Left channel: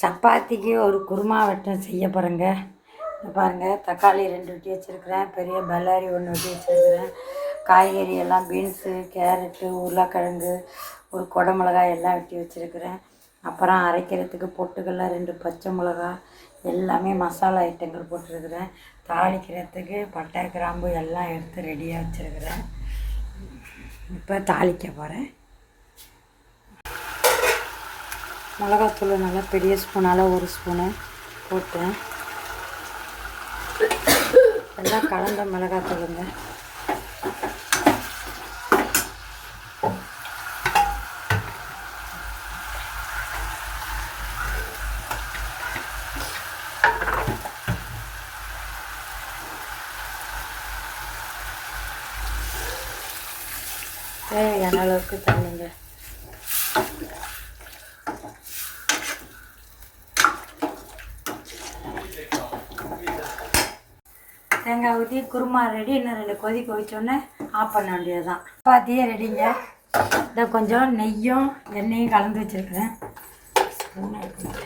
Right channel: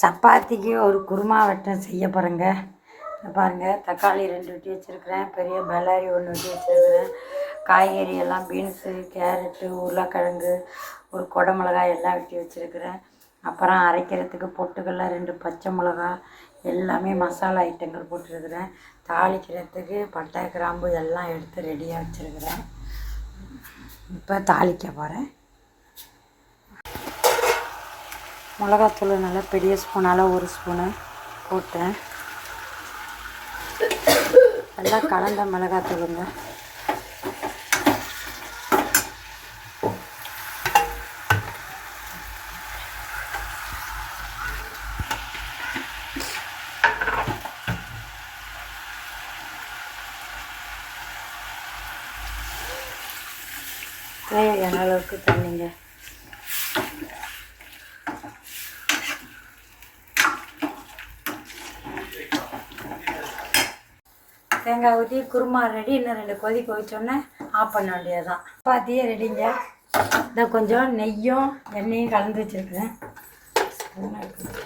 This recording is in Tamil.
சப்பாத்திக்கு ஒரு குருமா வட்டம் செய்ய போகிறேங்க. பாருங்கள், தக்காளி 2 வெட்டி வச்சுருக்கிறேன், பெரிய பல்லாரி 1 வெட்டி வச்சுருக்கிறேன், காய்கறி எல்லாம் பீன்ஸு, கேரட்டு, உருளைக்கிழங்கு, ஒரு கொடை மிளகாய் எல்லாம் வெட்டி வச்சுருக்கிறேன். அப்புறம் அரைக்கிறதுக்கு பொட்டுக்கடலை 2 பச்சை மிளகா எல்லாமே மசாலா ஐட்டங்கள் போட்டிருக்கிறேன். தாளிக்கிறதுக்கு பட்டை கிராம்பு எல்லாம் எடுத்து ரெடியாக வச்சுருக்கிறேன். இப்போ தாளிக்க போகிறேன். மிளகாத்தூள் நல்லா பெரிய ஸ்பூனால் 1 ஸ்பூனு போட்டேன். எல்லாம் கலந்த மிளகாத்தூளுங்க. தேவையான அளவுக்கு தண்ணிங்க. தேங்காய் ஊற்றி குருமா ரெடி. இன்னும் 2 கொதிக்க வச்சோன்னே ஆஃப் பண்ண வேண்டியதுதான். சப்பாத்தியே ரெடிங்க. இதை கொஞ்சம் நெய்யும் எண்ணெயும் கலந்து வச்சுருக்கிறேன். ஸ்பூன் எடுத்து